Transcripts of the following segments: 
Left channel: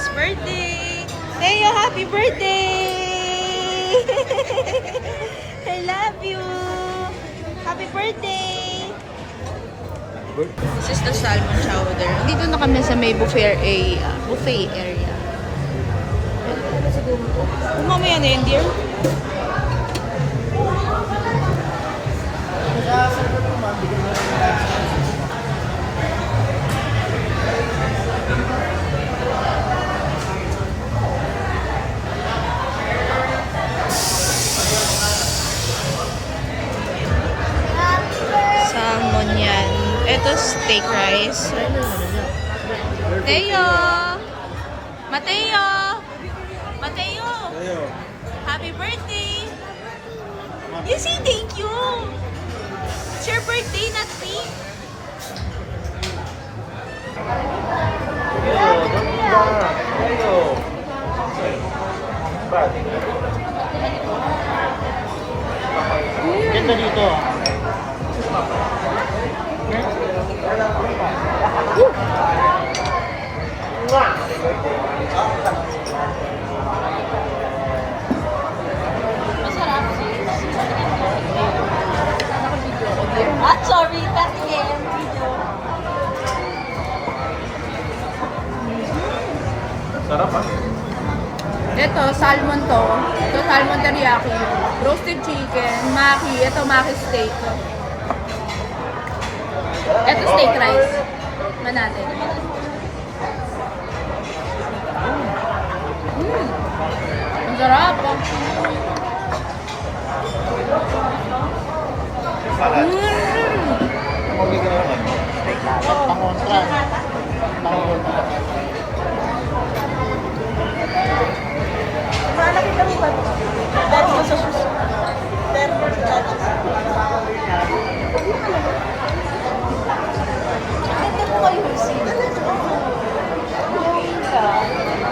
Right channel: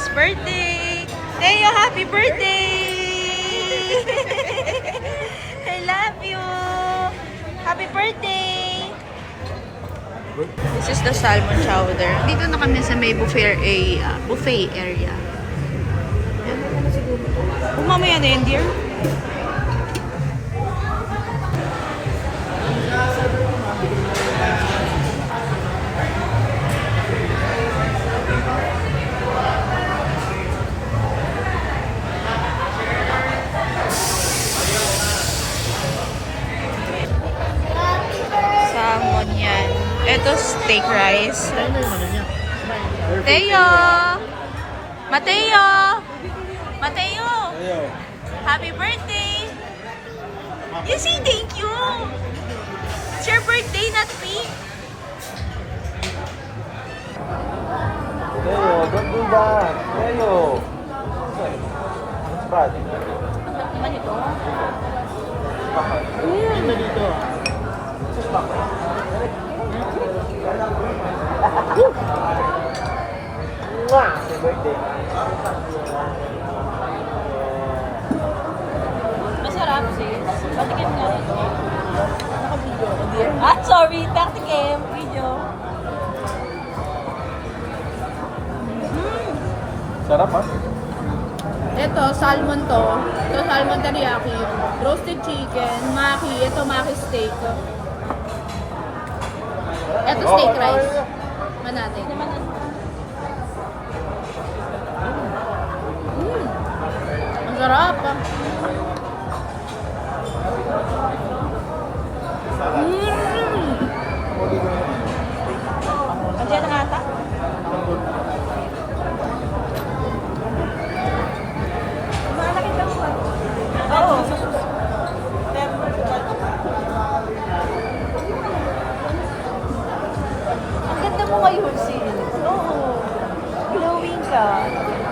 Teia's birthday! Teia, happy birthday! I love you! Happy birthday! This is the salmon chowder. Dito na kami sa may buffet area. Mamaya na yun, dear. Salmon yan. Ito steak rice. Teo! Mateo! Mateo! Happy birthday! You say thank you! It's your birthday, not me. Sorry, back again. Video. Sarap ha? Ito, salmon to. Ito, salmon teriyaki. Roasted chicken, maki. Ito, maki steak. Ito, steak rice. Na natin. Ang sarap.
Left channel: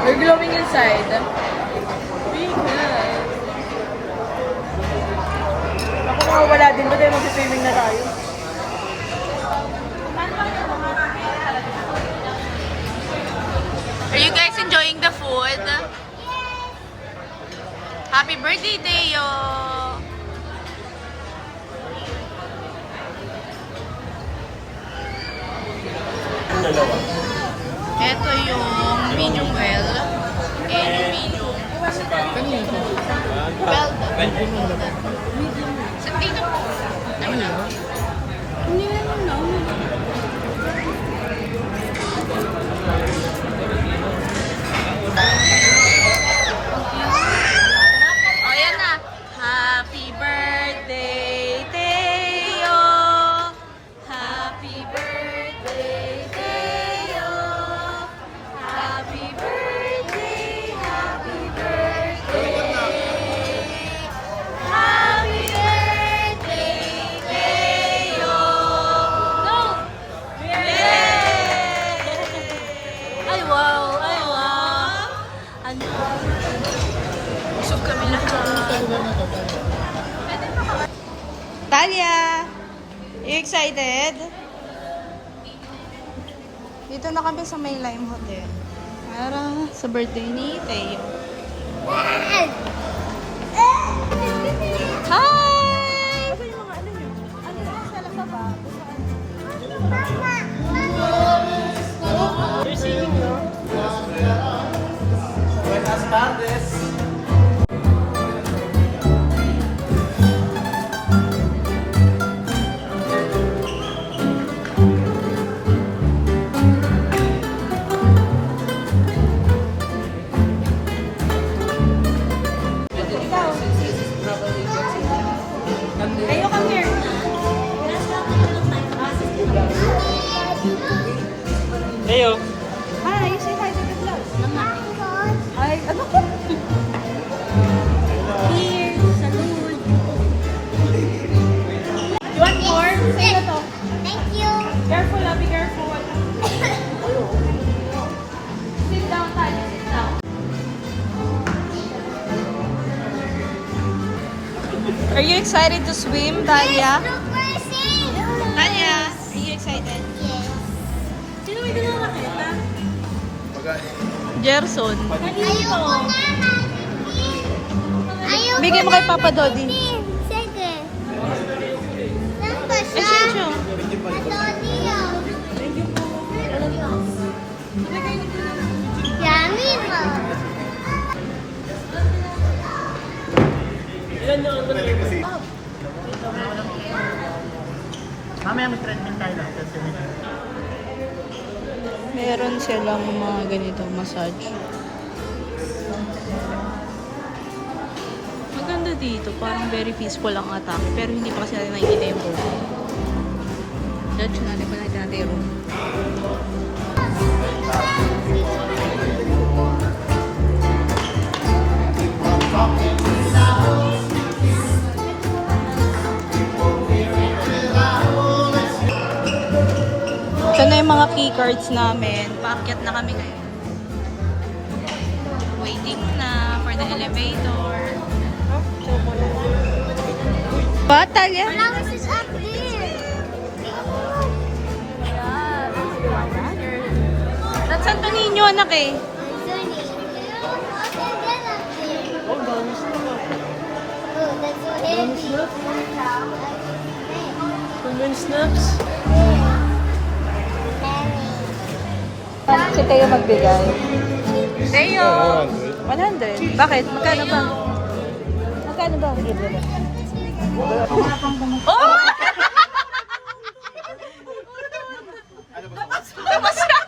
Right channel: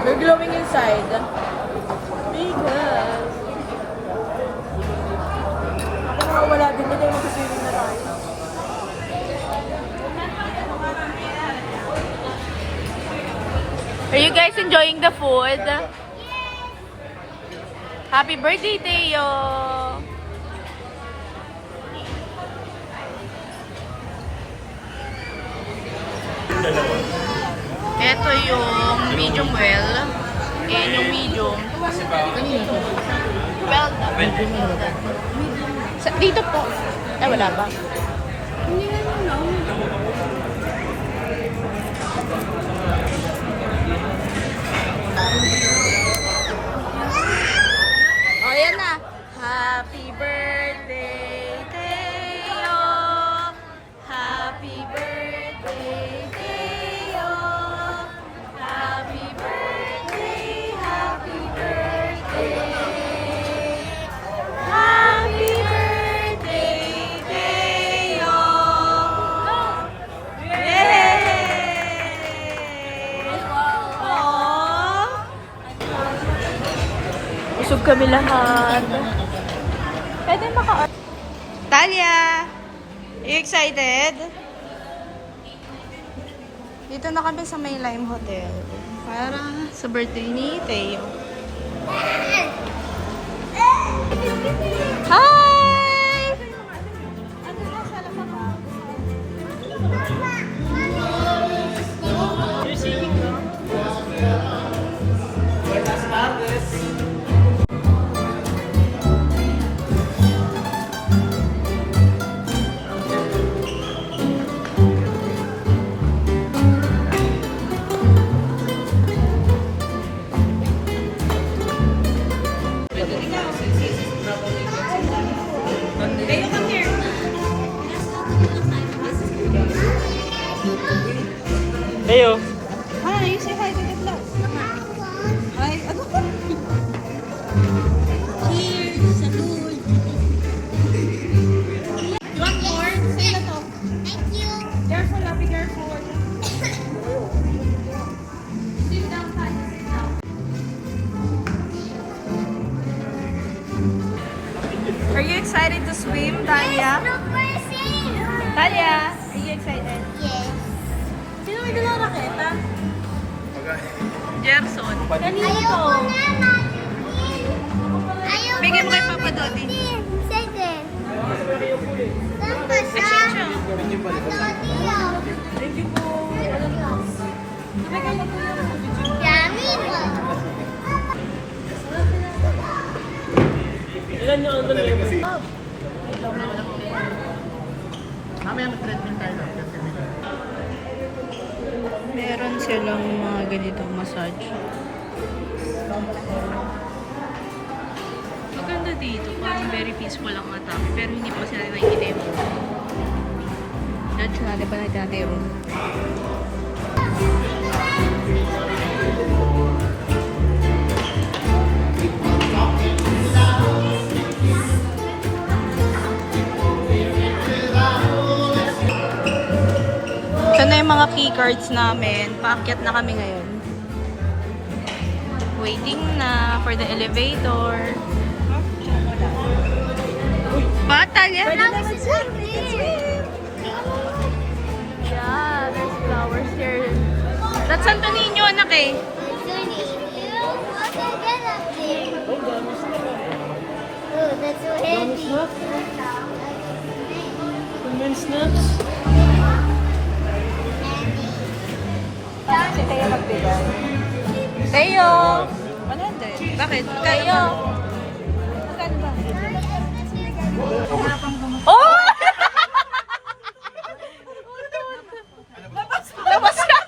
You're glowing inside. Because... Ako wala din mo tayo mag-swimming na tayo. Are you guys enjoying the food? Happy birthday, Teo! Ito yung medium well. And yung medium. Well done. Dito po. Ay, wala ba? Hindi na lang, oh, yan na. Happy birthday, Teo! Happy birthday, Teo! Happy birthday, happy birthday! Happy birthday, Teo! Go! Yay! Ay, wow! Aww! Busog kami lahat. Pwede Talia! Are you excited? Dito na kami sa May Lime Hotel. Para sa birthday ni Teo. Hi! Buenas tardes. Leo. Hi, say hi to the vlog. Hi, ano ko? Cheers, salud. You want more? Say na to. Thank you. Careful, be careful. Sit down, Tanya, sit down. Are you excited to swim, Talia? Look, we're seeing. Talia, are you excited? Yes. Sino may dalawa nakita? Gerson. Ayoko na, Ayoko Bigay mo kay Papa Dodi. Sige. Saan ba siya? Dodi yun. Yummy po. Ilan yung uncle mo? Meron silang mga ganitong massage. Maganda dito. Parang very peaceful ang atake. Pero hindi pa kasi natin nakikita yung buhok. Judge natin pa natin yung room. Ito na yung mga key cards namin. Paakyat na kami ngayon. Waiting na for the elevator. Bata yan. Flowers is up there. Yeah, there's flowers here. That's Santo Niño, anak eh. What is that up there? Oh, that's so heavy. Snacks? Si Teo magbigay. Teo! 100. Bakit? Teo! Kano ba? Oh! Labas ka!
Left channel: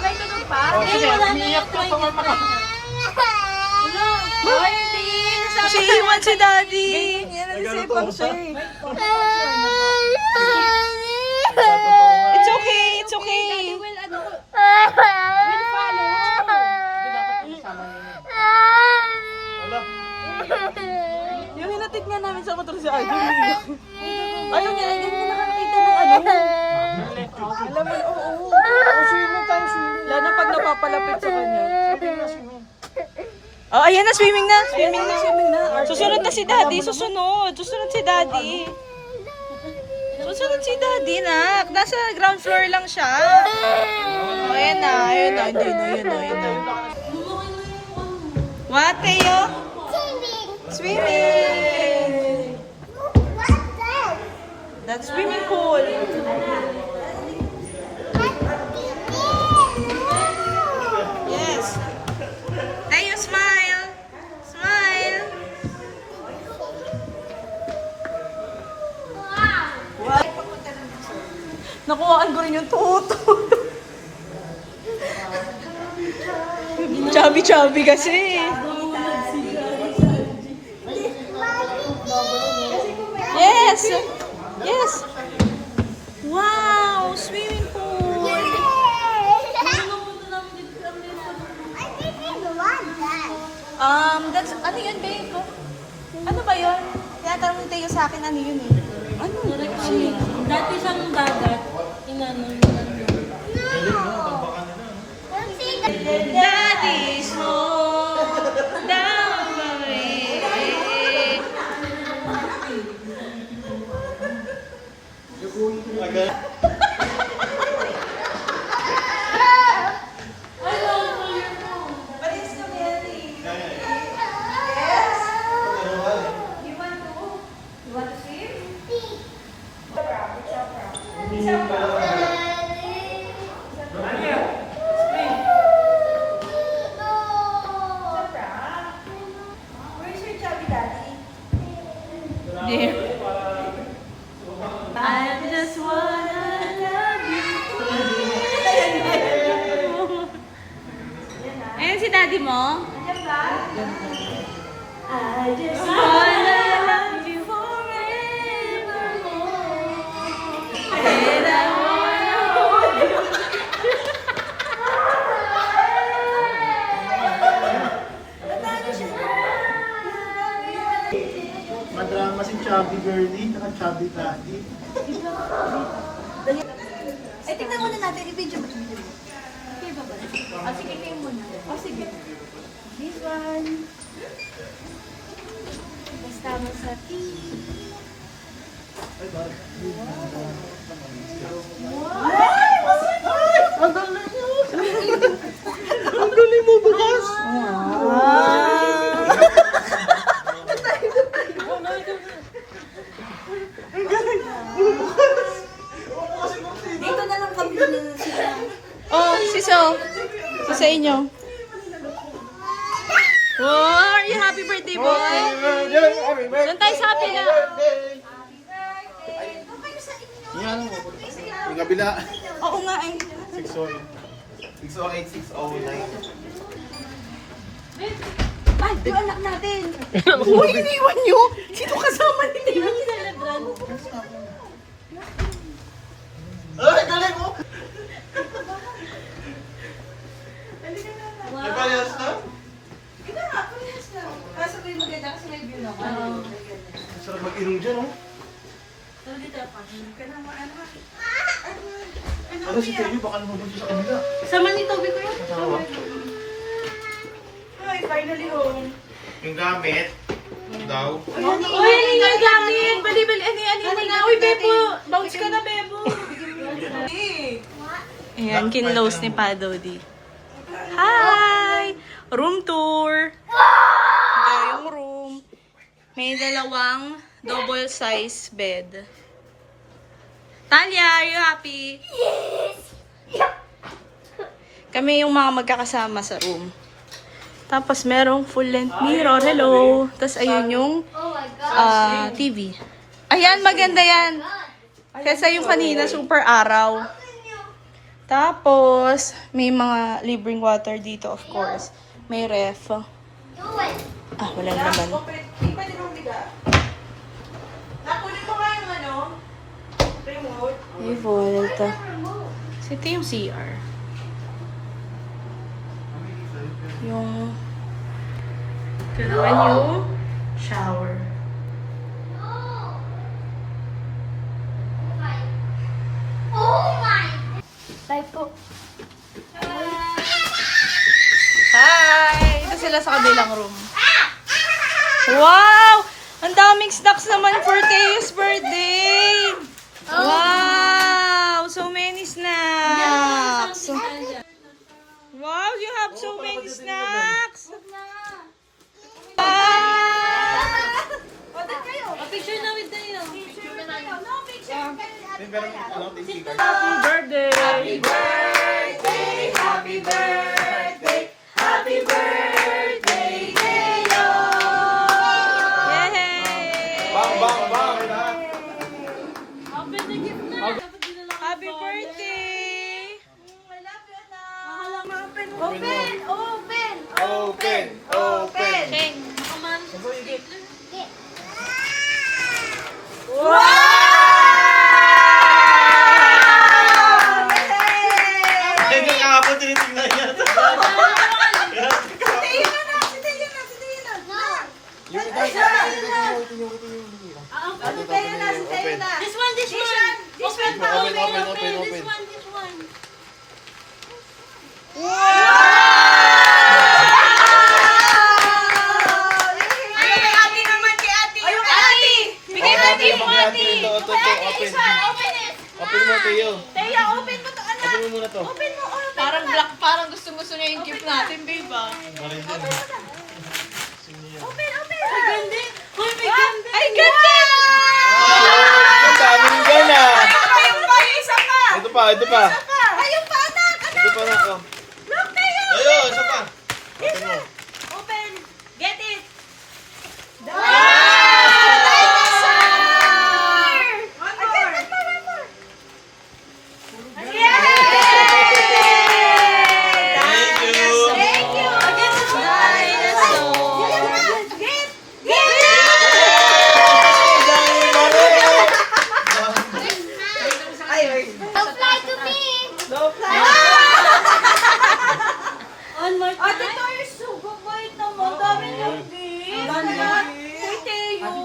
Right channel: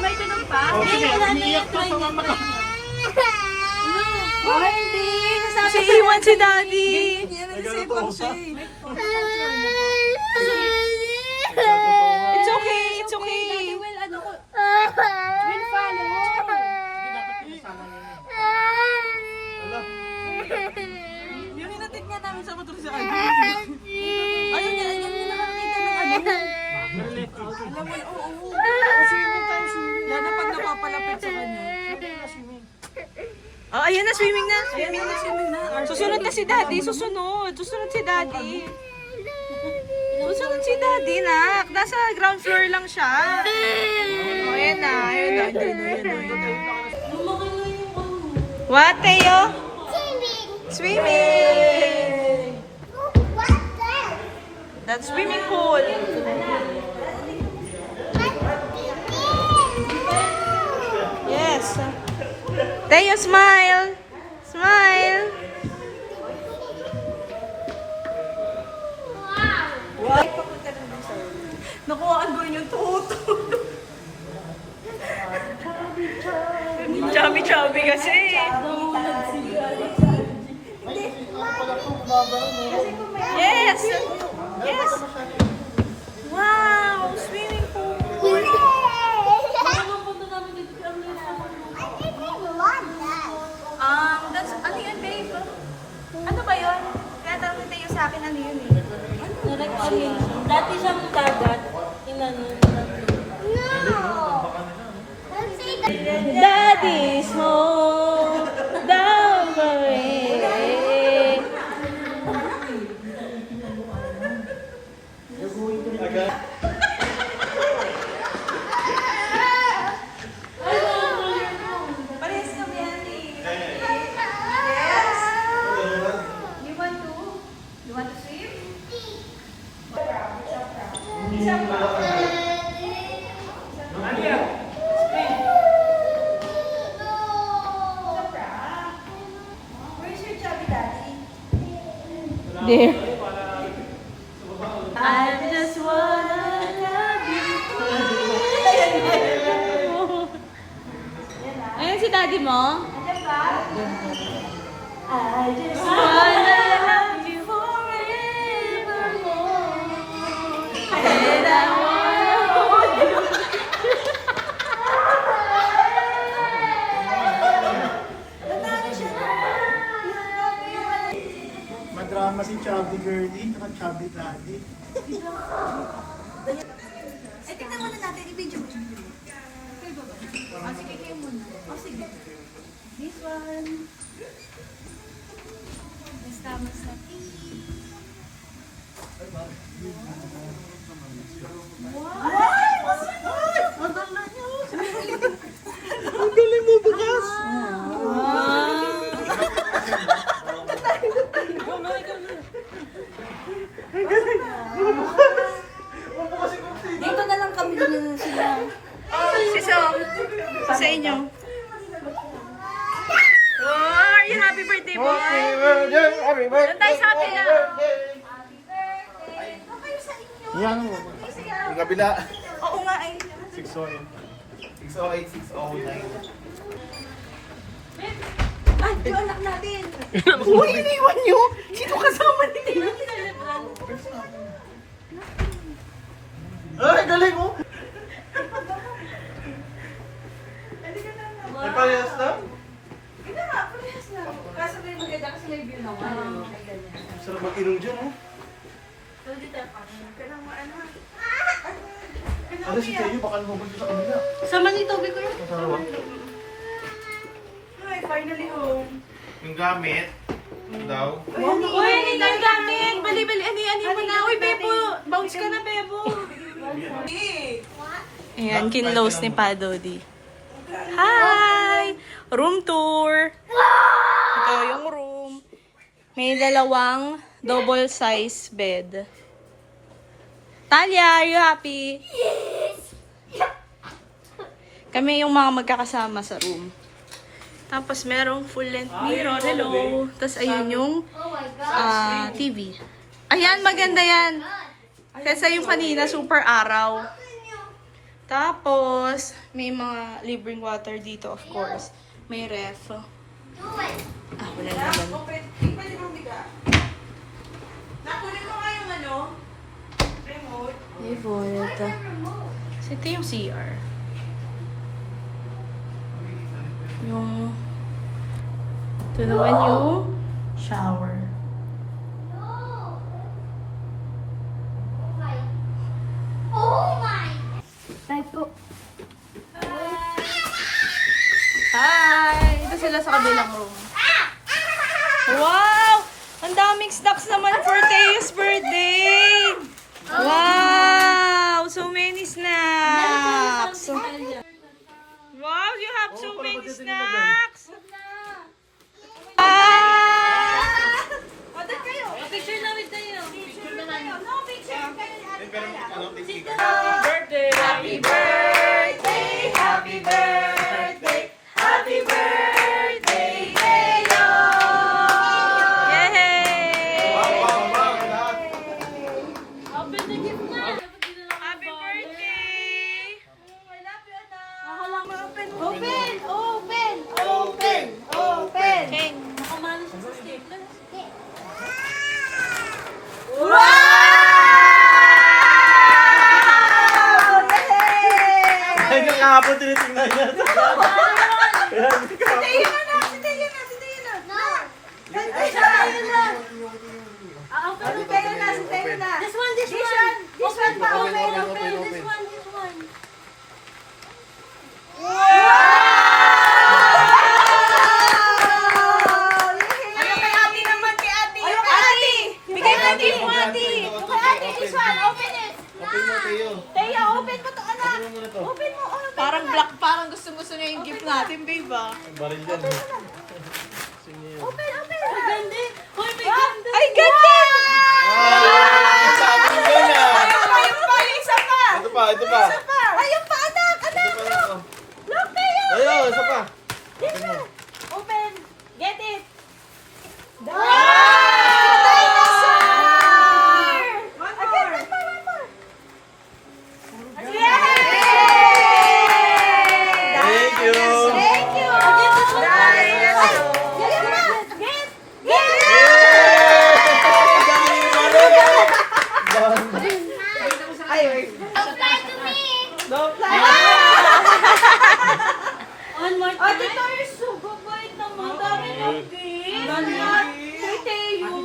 May tulong pa? Umiiyak to sa mama ka. Ay, hindi. Si Iwan si Daddy. It's okay, it's okay. Yung hinatid nga namin sa motor si Ardy. Ayaw niya, hindi na nakakita ng ano. Alam mo, oo. Swimming tayo, swimming. Lalo pag napapalapit sa kanya. Oh, ayan na, swimming na. Swimming na. Susunod na si Daddy, susunod. Susunod si Daddy. Susunod si Daddy, nak. Nasa ground floor lang siya. Oh, ayan na, ayan na, ayan na, ayan na, ayan na. What, Teo? Swimming. Swimming! What's that? That's swimming pool. Yes. Teo, smile. Smile. Wow. Nakuhaan ko rin yung tuto. Chubby-chubby kasi. Yes. Yes. Wow, swimming pool. That's, ano yun kayo ito? Ano ba yun? Tinatanong ni Teo sa akin, ano yun eh? Ano? Dati siyang dagat. Daddy's home, down the way. Parehas kami, Andy. Yes? You want to swim? Where's your chubby daddy? There. I just wanna love you. Ayan si daddy mo? Andiyan ba? I just wanna love you forevermore. And I wanna hold you. Madrama si Chubby Girlie, naka-Chubby Daddy. Ay, tignan muna natin. I-video mo. Sige, kayo muna. Sige. This one. Estamos aquí. Ang galing mo, bukas! Dito na lang kami din sila. Oh, siso. Sa inyo. Wow, are you happy birthday, boy? Doon tayo sa happy na. Yan, yung kabila. Oo nga, ay. 608. 608, 609. Ay, yung anak natin. Uy, iniwan nyo? Sino kasama nila? Ay, galing mo! May parehas na? Ito nga, parehas na. Kaso din maganda kasi may view naman. Sarap mag-ilong dyan, oh. Ano si Tayo? Baka lumabas sa kanila. Sama ni Toby ko yun. Tawa. Ay, finally home. Yung gamit daw. Uy, ano yung gamit? Bali-bali, ano yan? Uy, Bebo, bounce ka na, Bebo. Ayan, kinlose ni Padodi. Hi! Room tour. Ito yung room. May dalawang double size bed. Talia, are you happy? Kami yung mga magkakasama sa room. Tapos merong full length mirror. Hello. Tapos ayun yung TV. Ayan, maganda yan. Kesa yung kanina, super araw. Tapos, may mga libreng water dito, of course. May ref. Wala naman. Pwede nung biga. Nakunin mo nga yung ano, remote. May vault. So, ito yung CR. Ito naman yung shower. Hi! Ito sila sa kabilang room. Wow! Ang daming snacks naman for Teo's birthday! Wow! So many snacks! Wow, you have so many snacks! Order kayo. Picture na with Dayo. Picture kayo. No, picture kayo ni Ate Kaya. Happy birthday! Happy birthday! Happy birthday, Teo! Yay! Open the gift na. Happy birthday! I love you, anak. Open! Open! Open! Open! Open! Cheng! Makaman sa cake na. Yan yung kahapon tinitingnan niya. This one, this one. Open pa, Open, open, open, open. open. This one, this one. Ate! Bigay mo yung gift mo, ate! Open it! Open mo, Tayo. Teya, open mo to, anak! Open mo muna to. Open mo! Parang black, parang gusto niya yung gift natin, babe, ah. Barin dyan. Open! Open! Ganda. Hoy, may ganda. Ay, ganda! Ang dami ng gana. Ayun pa, yung isa pa! Ito pa, ito pa. Ayun pa, anak! Ito pa rin ko. Look, Teya! Ayun, isa pa. Open mo. Open! Get it! Wow! One more! Thank you. Thank you! On more Ate time. Tayo, sugo bait naman. Dami niyong gift. Hey, Teo.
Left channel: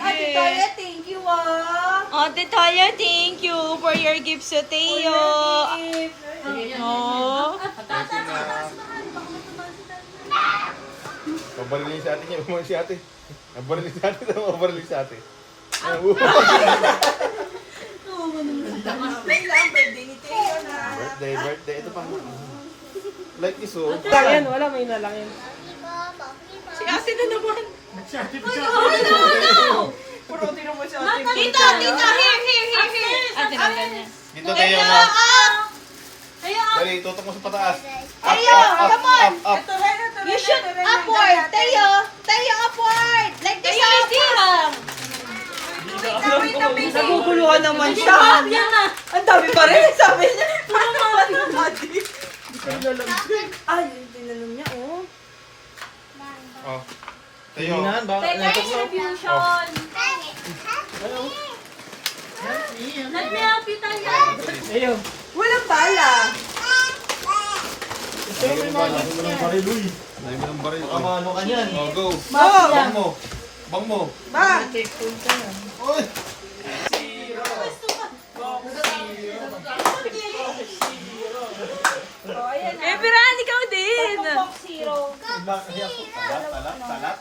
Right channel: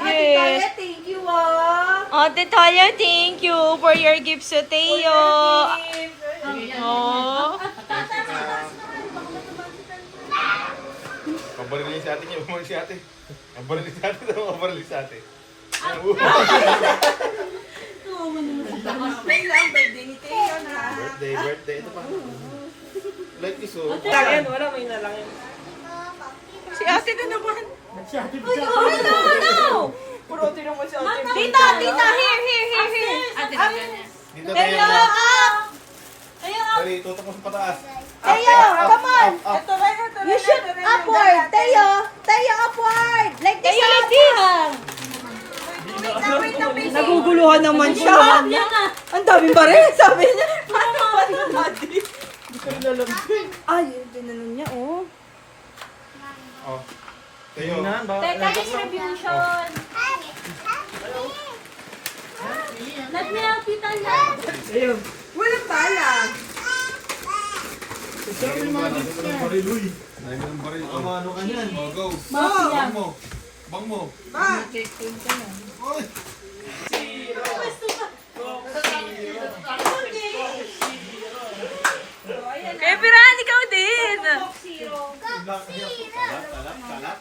Ate Tayo, thank you, Ate Taya, thank you for your gift sa Teo. Oh. Pabalik niya si ate niya. Umang si ate. Pabalik si ate. Pabalik si ate. Birthday. Ito pa. Like iso. Si ate na naman. Nagsyati pa siya. Tita, here. Ate na ganyan. Dito tayo na. Dali, tutok mo sa pataas. Teo, come on. Up. You shoot upward. Teo, upward. Like this. Naguguluhan naman siya. Ang dami pa rin, sabi niya. Ay, tinanong niya, oh. Oh. Tayo. Teka, distribution. Nagmiyapitan yan. Walang bala. Dami ng baril, uy. Dami ng baril. Ano ka niyan? Oh, go. Bang mo. Ma! Oy. Eh, Piran, ikaw din. Talap.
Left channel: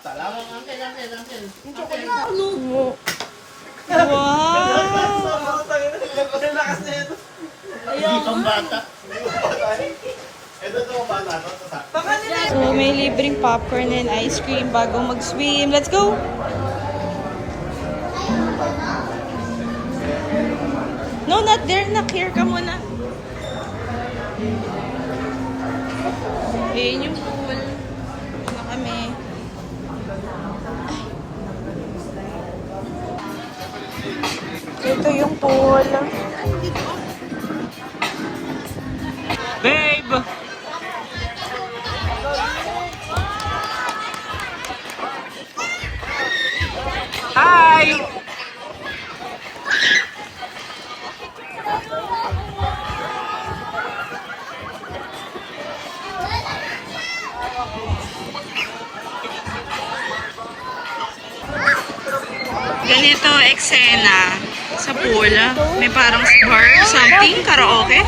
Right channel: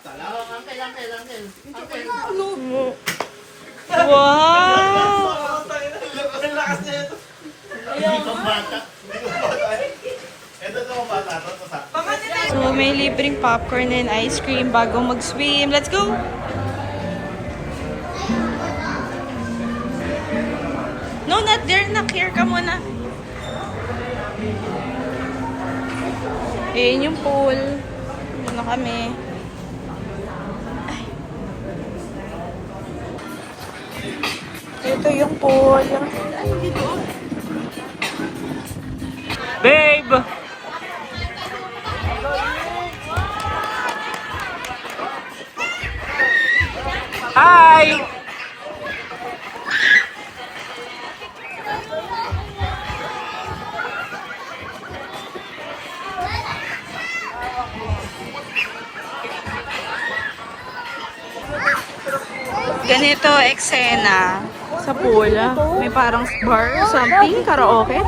Wow! Hindi pang bata. Ito to bata. So, may libreng popcorn and ice cream bago mag-swim. Let's go! No, not there. Here ka muna. Ayan yung pool. Dito na kami. Ito yung pool. Babe! Hi! Ganito eksena sa pool. May parang bar, something, karaoke.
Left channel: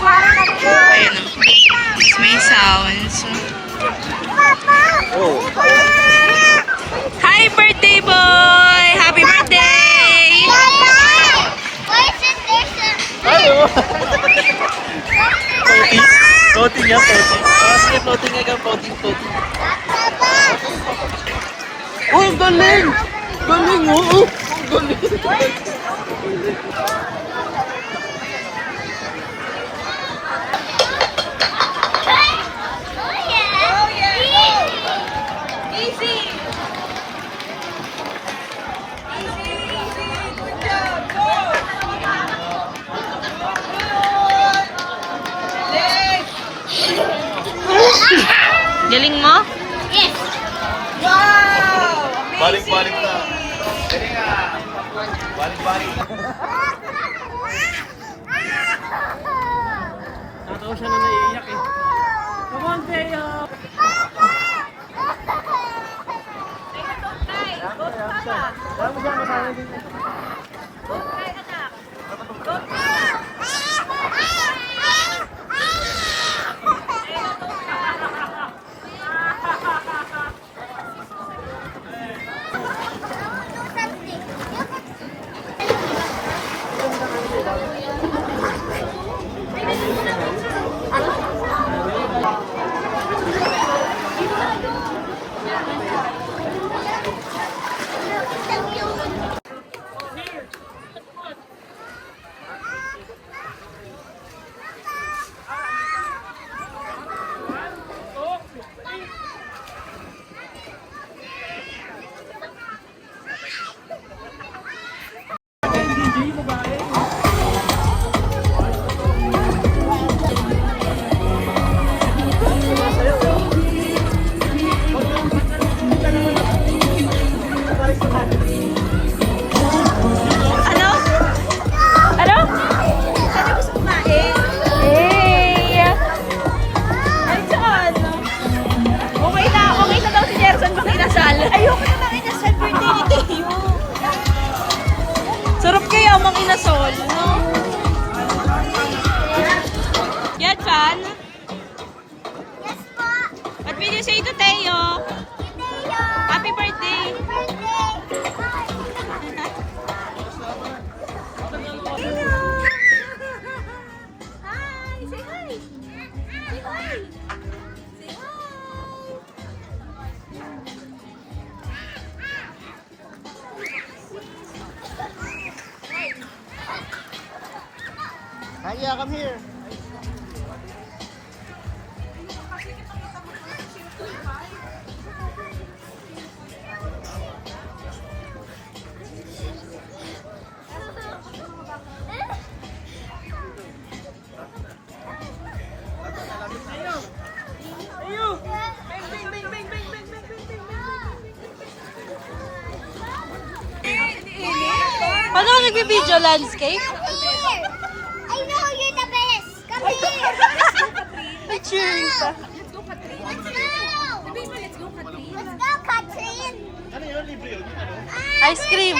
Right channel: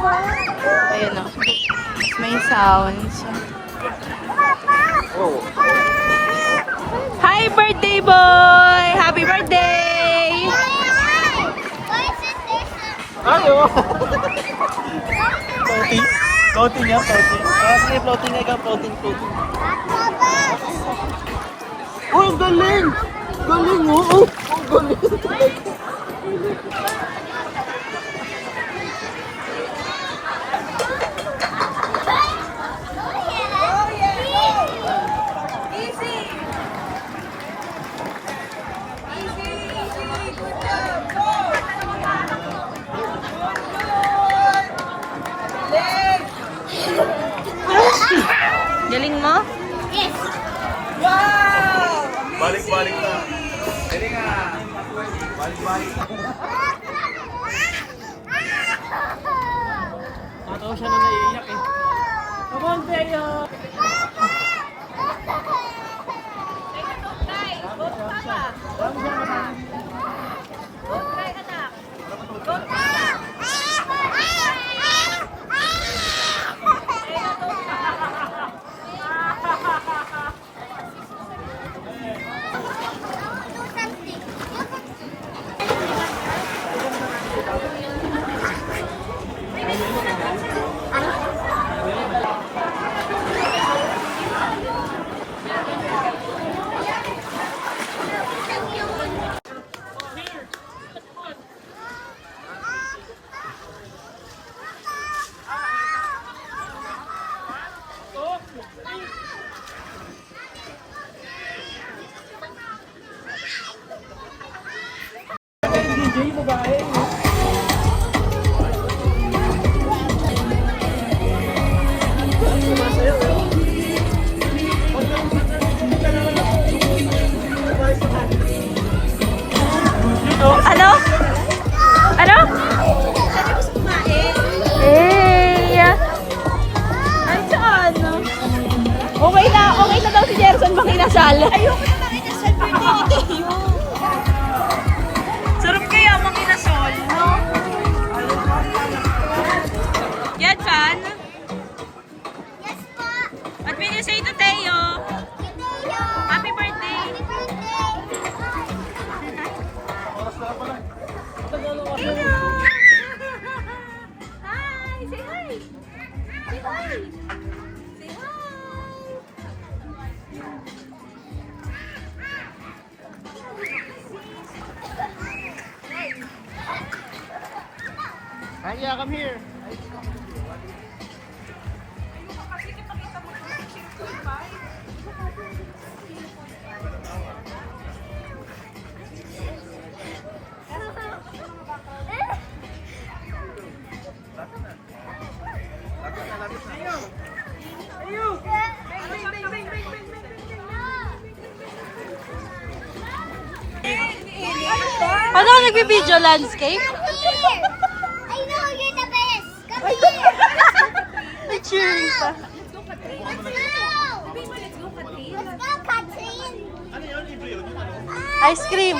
Ayan o. May sounds. Hi, birthday boy! Happy birthday! Ayo. Floating. Floating ya, floating. Ah, sige, floating nga, floating. Oh, ang galing! Galing, oh! Ang galing! Galing mo? Balik na. Tatawa siya na naiiyak eh. Come on, Teo! Ano? Ano? Saan gusto kumain? Hey! Ay, saan? Okay na daw si Jerson bang inasal. Ayoko na makinasal birthday ni Teo. Sarap kaya makinasal. Aya, come here. Paano ka nagbibideo landscape? Here! I know you're the best! Come here! May cheering pa. Let's go! Let's go, Katrin! Ice cream.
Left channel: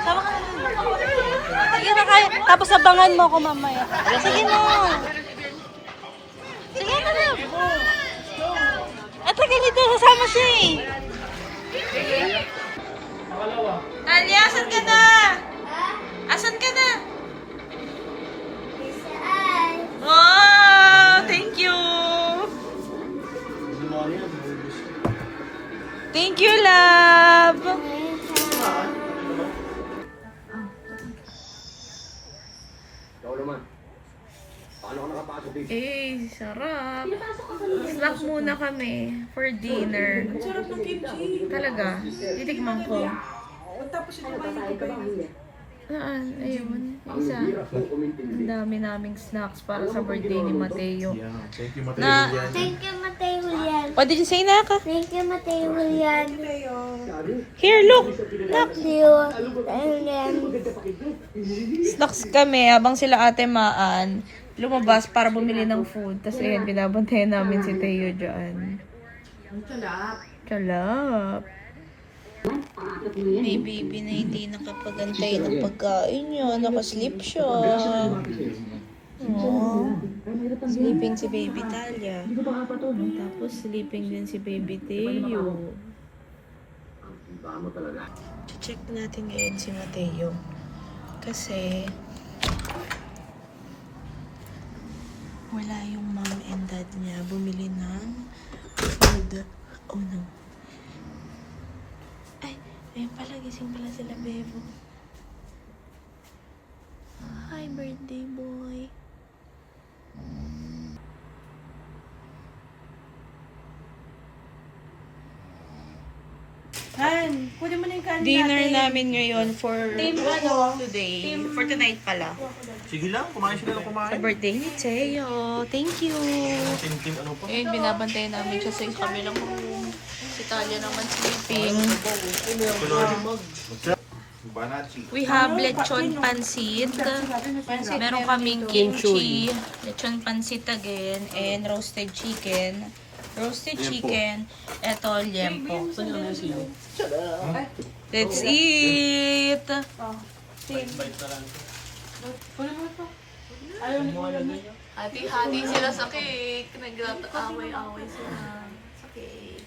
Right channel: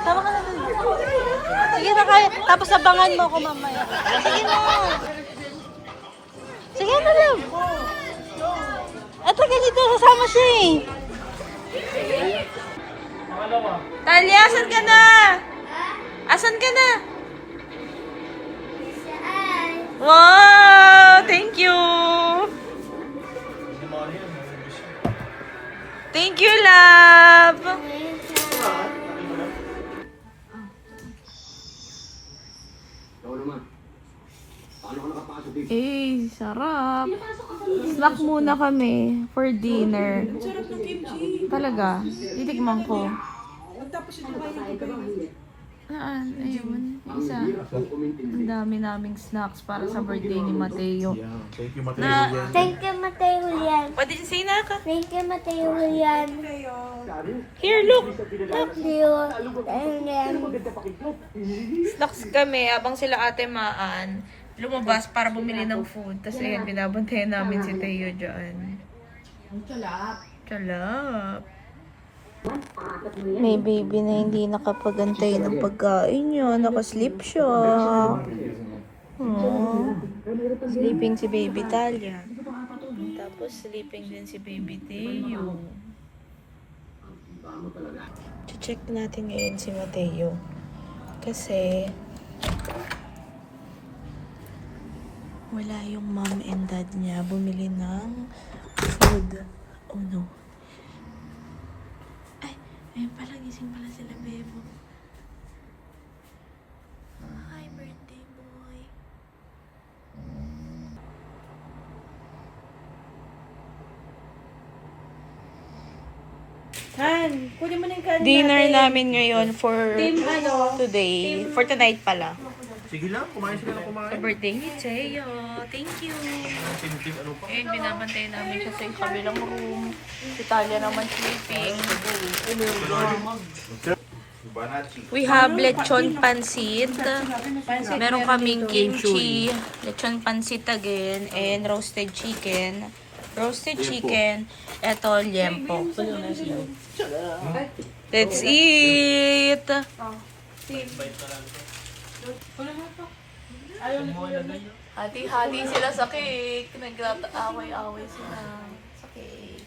Sama ka na dun. Sige na kaya. Tapos abangan mo ako mamaya. Sige na. Sige na lang. At ganito, sasama siya eh. Talia, asan ka na? Asan ka na? Wow! Thank you! Thank you, love! Eh, sarap. Snack muna kami for dinner. Sarap ng kimchi. Talaga. Titikman ko. Tapos ito ba yung Saan? Ayun. Isa. Ang dami naming snacks para sa birthday ni Mateo. Thank you, Mateo. Na, Thank you, Mateo Julian. what did you say, Naka? Thank you, Mateo Julian. Here, look. Thank you. Snacks kami habang sila ate Maan lumabas para bumili ng food. Tapos ayan, binabantayan namin si Teo dyan. Chalap. May baby na hindi nakapagantay ng pagkain niya. Nakasleep siya. Sleeping si baby Talia. Tapos sleeping din si baby Teo. Check natin ngayon si Mateo. Kasi wala yung mom and dad niya bumili ng food. Oh no. Ay, ayun pala, gising pala sila, bebo. Hi, birthday boy. Han, kunin mo na yung kanin Dinner natin. namin ngayon for ano? today. For tonight pala. Sige lang, kumain sila ng Sa kumain. birthday ni Teo. Thank you. Tim-tim, ano pa? Ayun, binabantayan namin siya sa kabilang room. Si Talia naman sleeping. Banachi. We have lechon pansit. Meron kaming kimchi, lechon pansit again, and roasted chicken. Roasted chicken, eto liempo. Let's eat! Hati-hati sila sa cake. Nag-away-away sila sa cake.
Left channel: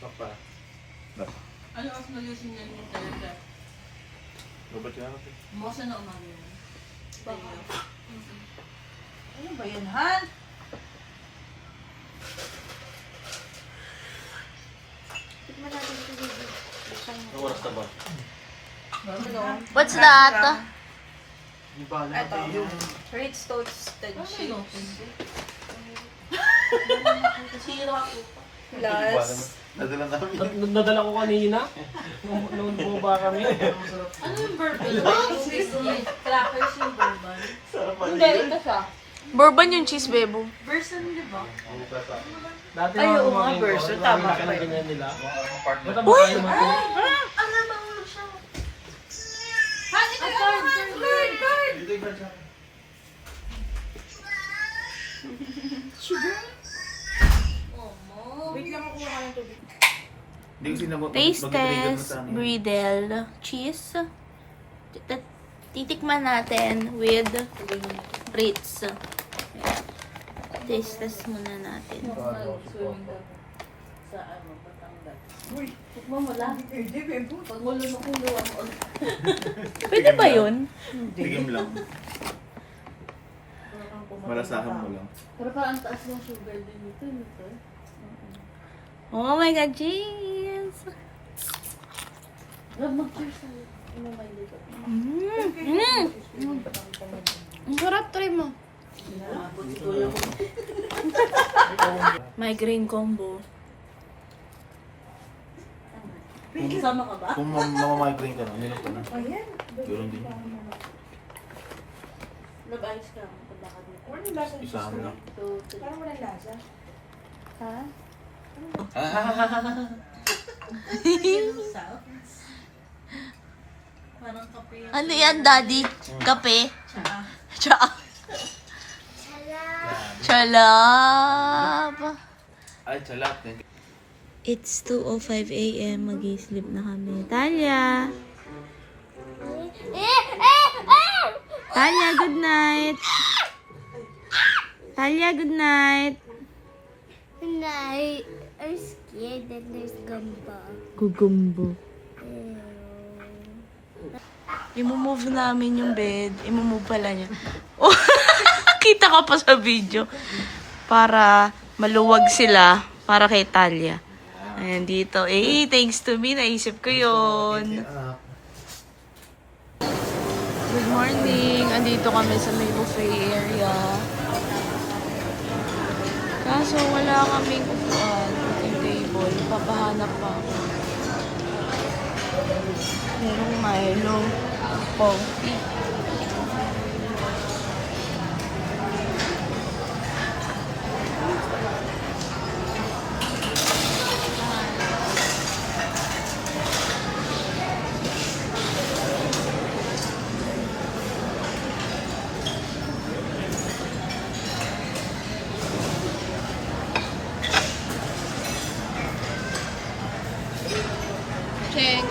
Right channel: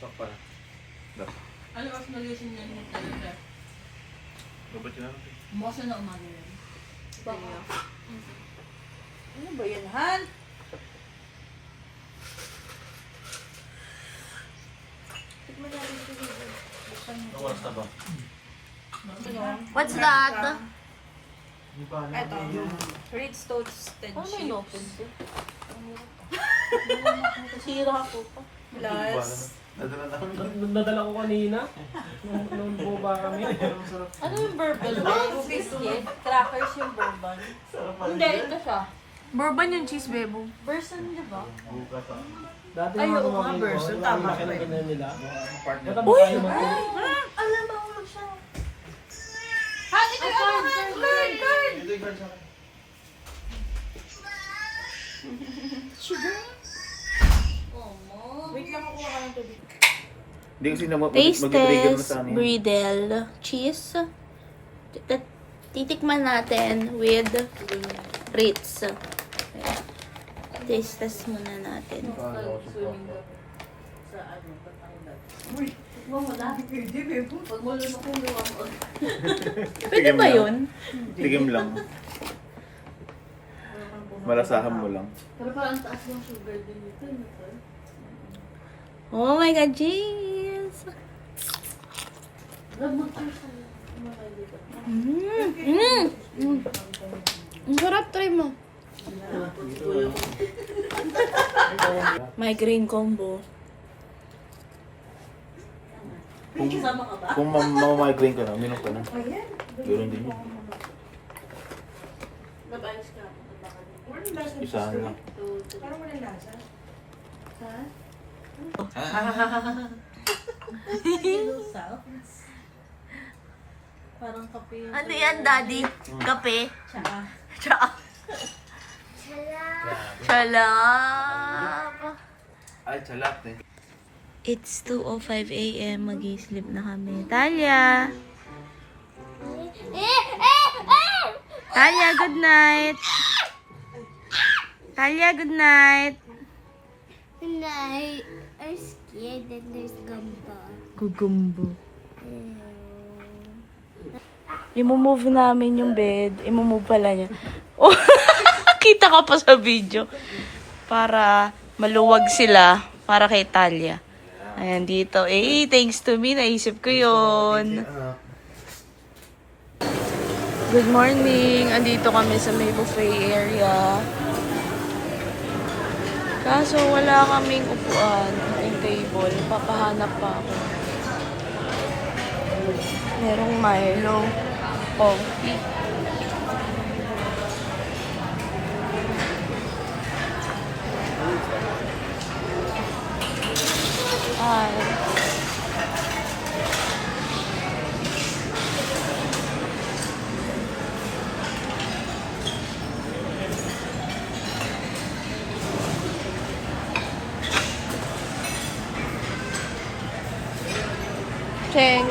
Sakpa. Ano ang nagising niya yung talaga? Dapat yan natin. Bukas na umaga yun. Ano ba yan, Han? Oras na ba? What's that? Ito. Ritz toasted chips. Nasira ako pa. Plus, Nadala namin. Nadala ko kanina. Nung boba kami. ano yung burger? Crackers yung bourbon. Hindi, ito siya. Bourbon yung cheese, bebo. Version, di ba? Dati Ay, nung oo nga, kumain version. ko, Tama marami ka. na ganyan nila. Partner. Ito ba kayo mo? Alam mo, ulo siya. Han, ito yung Han! Bird! Ito yung sa akin. Wait lang ako ng tubig. Hindi kasi Taste test, bridel, cheese. Titikman natin with Ritz. Okay. Taste test muna natin. Pag wala na kong gawa mo. Pwede ba yun? Tigim lang. Malasahan mo lang. Pero parang taas ng sugar din ito. Oh my God, James! Ang sarap, try mo. Migraine combo. Sama ka ba? Kung mamamigraine ka na, uminom ko na. Yun din yun. Nag-alis ka. Isahan lang. Parang kape yung Ano yan, Daddy? Kape? Tsaa. Chalap. Ay, chalat eh. It's 2:05 a.m. Mag-sleep na kami. Talia! Talia, good night! Talia, good night! And I'm scared that there's gamba. Gugumbo. I-move namin yung bed. I-move pala niya. Oh, kita ka pa sa video. Para maluwag sila. Para kay Talia. Ayan dito. Eh, thanks to me. Naisip ko yun. Good morning. Andito kami sa may buffet area. Kaso wala kaming upuan. Yung table. Papahanap pa ako. Merong Milo. Coffee. Cheng.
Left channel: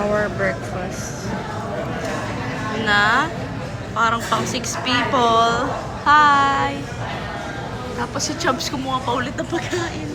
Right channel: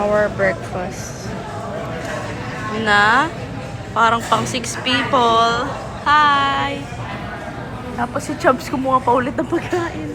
Our breakfast na parang pang 6 people. Hi! Tapos si Chubbs kumuha pa ulit ng pagkain.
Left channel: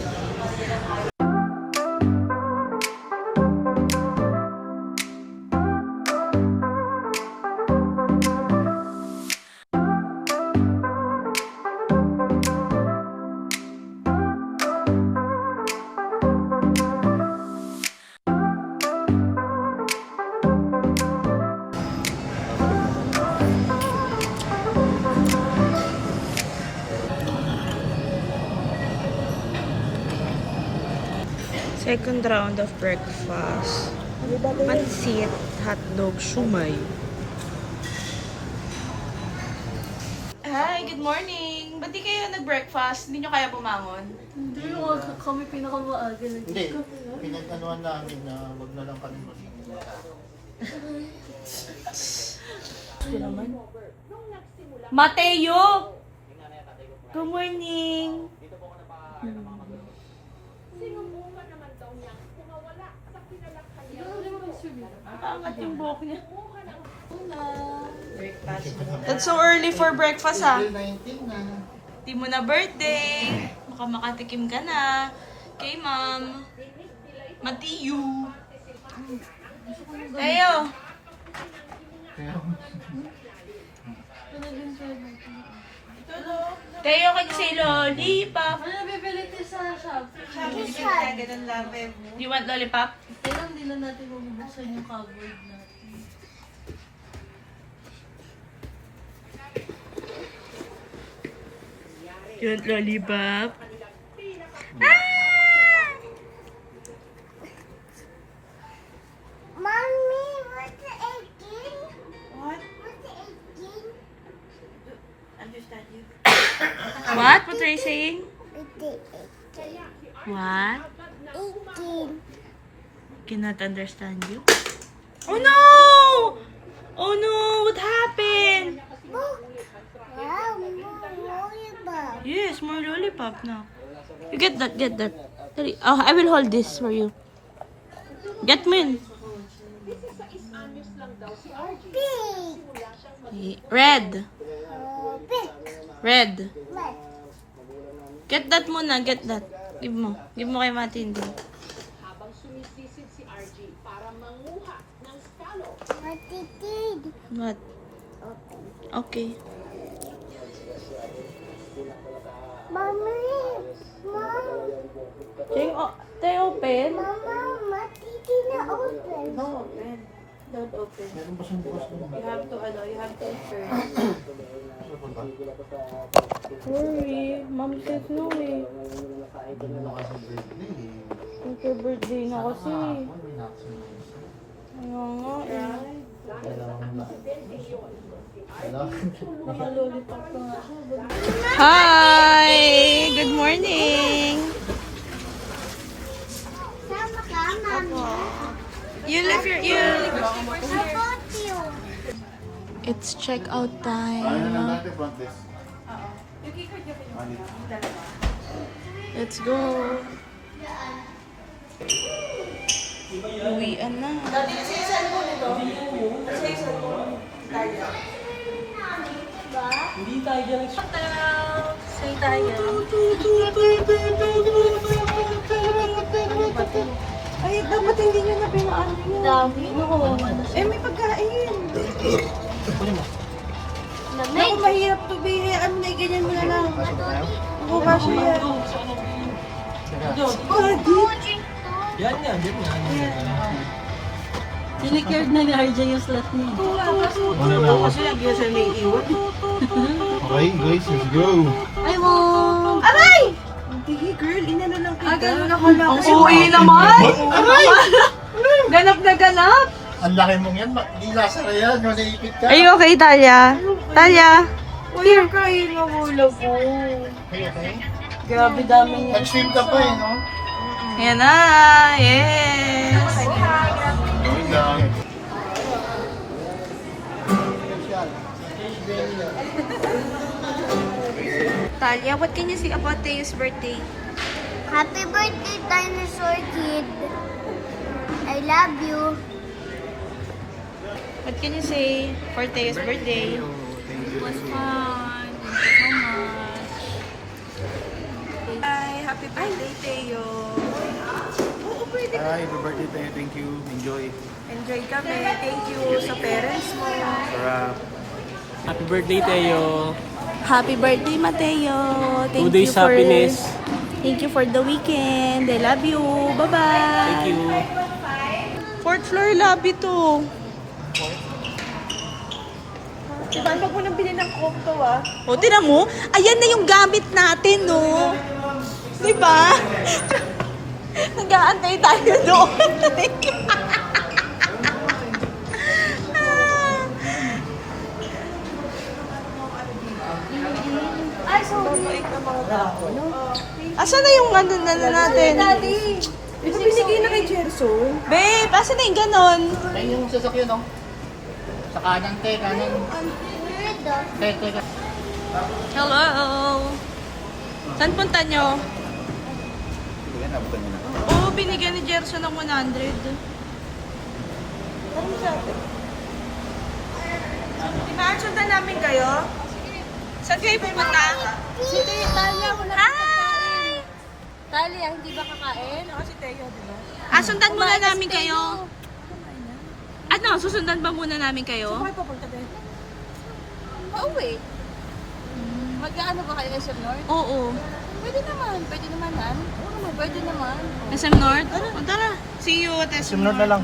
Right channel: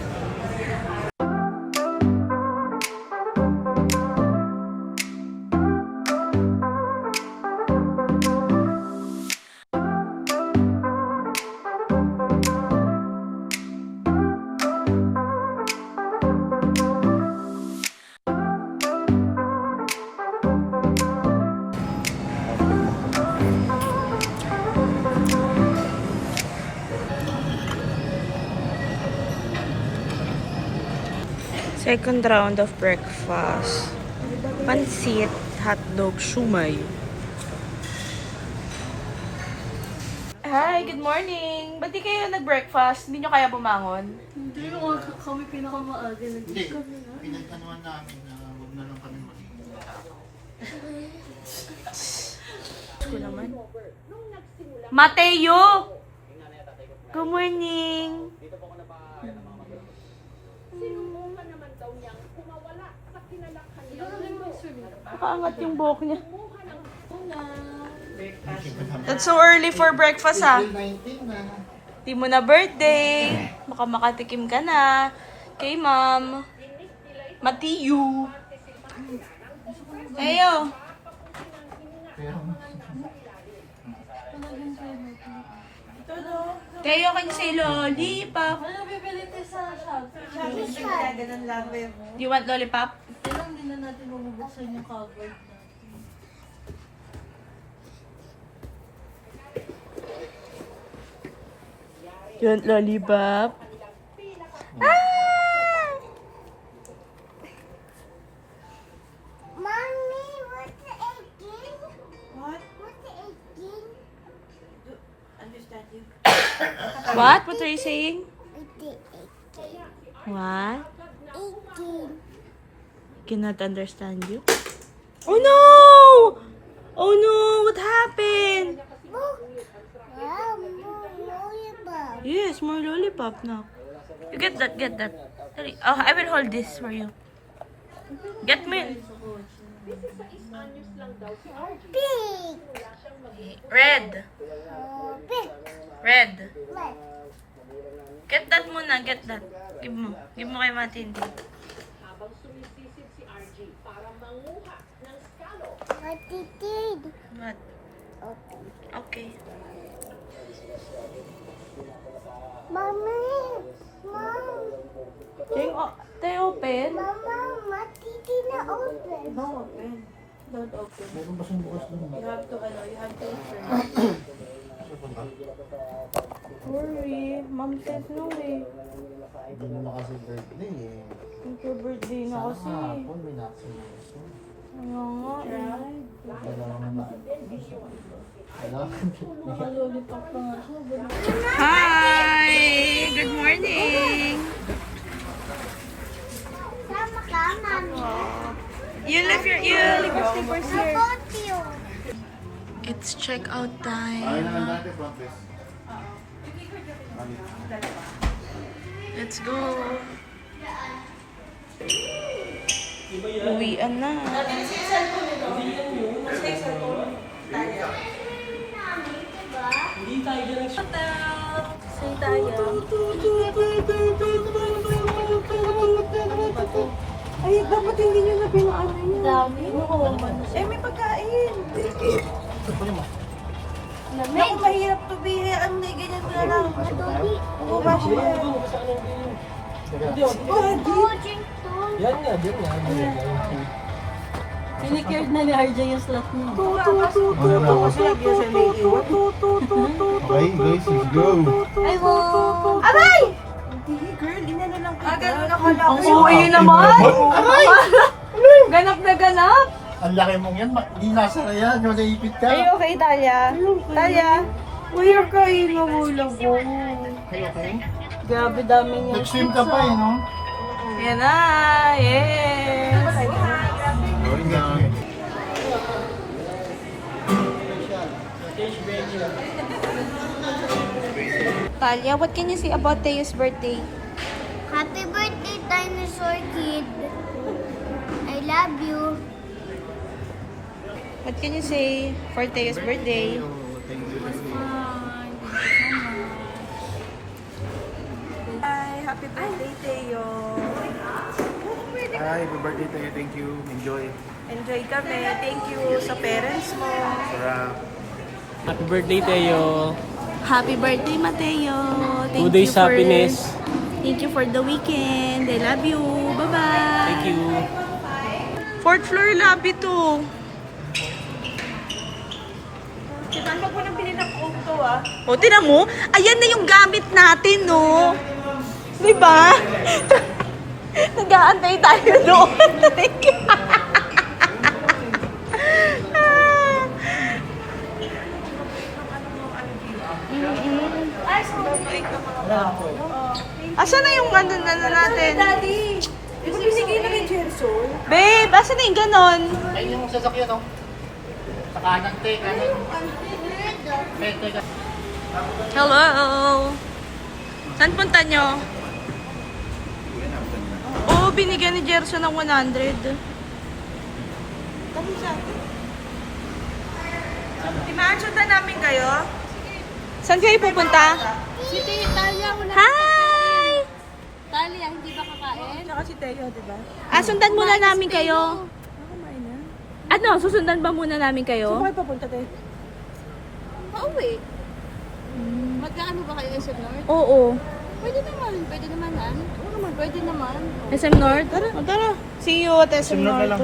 Second round of breakfast. Pansit, hotdog, shumay. Hi, good morning. Ba't di kayo nag-breakfast? Hindi nyo kaya bumangon? Hindi mo kami pinakamaaga. Hindi, pinag-anuan namin na wag na lang kami mag- Ito naman. Mateo! Good morning! Nakaangat yung buhok niya. That's so early for breakfast, ah. 19 na. Di mo na birthday. Baka makatikim ka na. Kay ma'am. Matthew. Tayo. Tayo kanya say lollipop. Ano nabibili tayo sa shop? Do you want lollipop? Kailan hindi na natin bumubuksan yung cupboard natin. Do you want lollipop? Ah! What? What are you saying? 18. What? 18. Cannot understand you. Oh no! Oh no! What happened? Book. Wow, more lollipop. Yes, more lollipop now. You get that, get that. Sorry. Oh, I will hold this for you. Get me. Pink. Red. Pink. Red. Red. Get that muna, get that. Give mo. Give mo kay Matindi. What it did? What? Open. Okay. Mommy. Mom. They open? Mama, what it did na open? Don't open. Meron ba siyang bukas doon? You have to, you have to return. Sa punta? Sorry. Mom said no eh. Hindi na kasi birthday. Your birthday na kasi. Ako, may nakasama. Kaya nga eh. Hi! Good morning! Sama ka, Mami. You left your... How about you? It's check-out time. Ayun na lang natin front desk. Let's go. Uwian na. Say tayo. Ay, dapat hindi nyo na pinaan yun. Dami. Eh, may pagkain. Naku, mahirap to be. Ano na, ganyan mo na lang. Bukas yan. Sinikared na ni RJ yung slot niya. Kasi lagi na siya naiiwan. Okay, guys, let's go. I want. Aray! Hindi, girl. Inano lang kita. Ang uwi naman! Ganap na ganap! Ang laki mong yan, di lasara yan, malaipit ka. Are you okay, Talia? Talia? Here kayo yung ulo ko. Okay, okay. Grabe dami niya. Nag-swim ka pa eh, no? Ayan na! Yes! Talia, what can you say about Teo's birthday? Happy birthday, dinosaur kid. I love you. What can you say for Teo's birthday? Was fun. Thank you so much. Hi! Happy birthday, Teo! Hi, happy birthday tayo. Thank you. Enjoy. Enjoy kami. Thank you sa parents mo. Sarap. Happy birthday, Teo. Happy birthday, Mateo! 2 days happiness. Thank you for the weekend. I love you. Bye-bye. Thank you. 4th floor lobby to. Ano po nang bilhin ng coke to, ah? O, tinan mo. Ayan na yung gamit natin, no? Diba? Nag-aantay tayo doon. Asan na yung ano na natin? Daddy! Yung binigay na kay Jenson. Babe, asan na yung ganon? Ayun yung sasakyan, no? Sa kanan, te, kanan. Te, ka. Hello! Saan punta nyo? Oo, binigyan ni Jerson ng 100. Imagine na namin kayo? Saan kayo pupunta? Si Talia, wala Hi! Talia, hindi ba kakain? Saka si Teo, diba? Sundan muna namin kayo. Ano, susundan ba muna namin kayo? Saan papunta tayo? Pauwi. Mag-ano ba kayo SM North? Oo. Pwede naman nan. Pwede naman. SM North? O, tara. See you at SM North. Sunod na lang.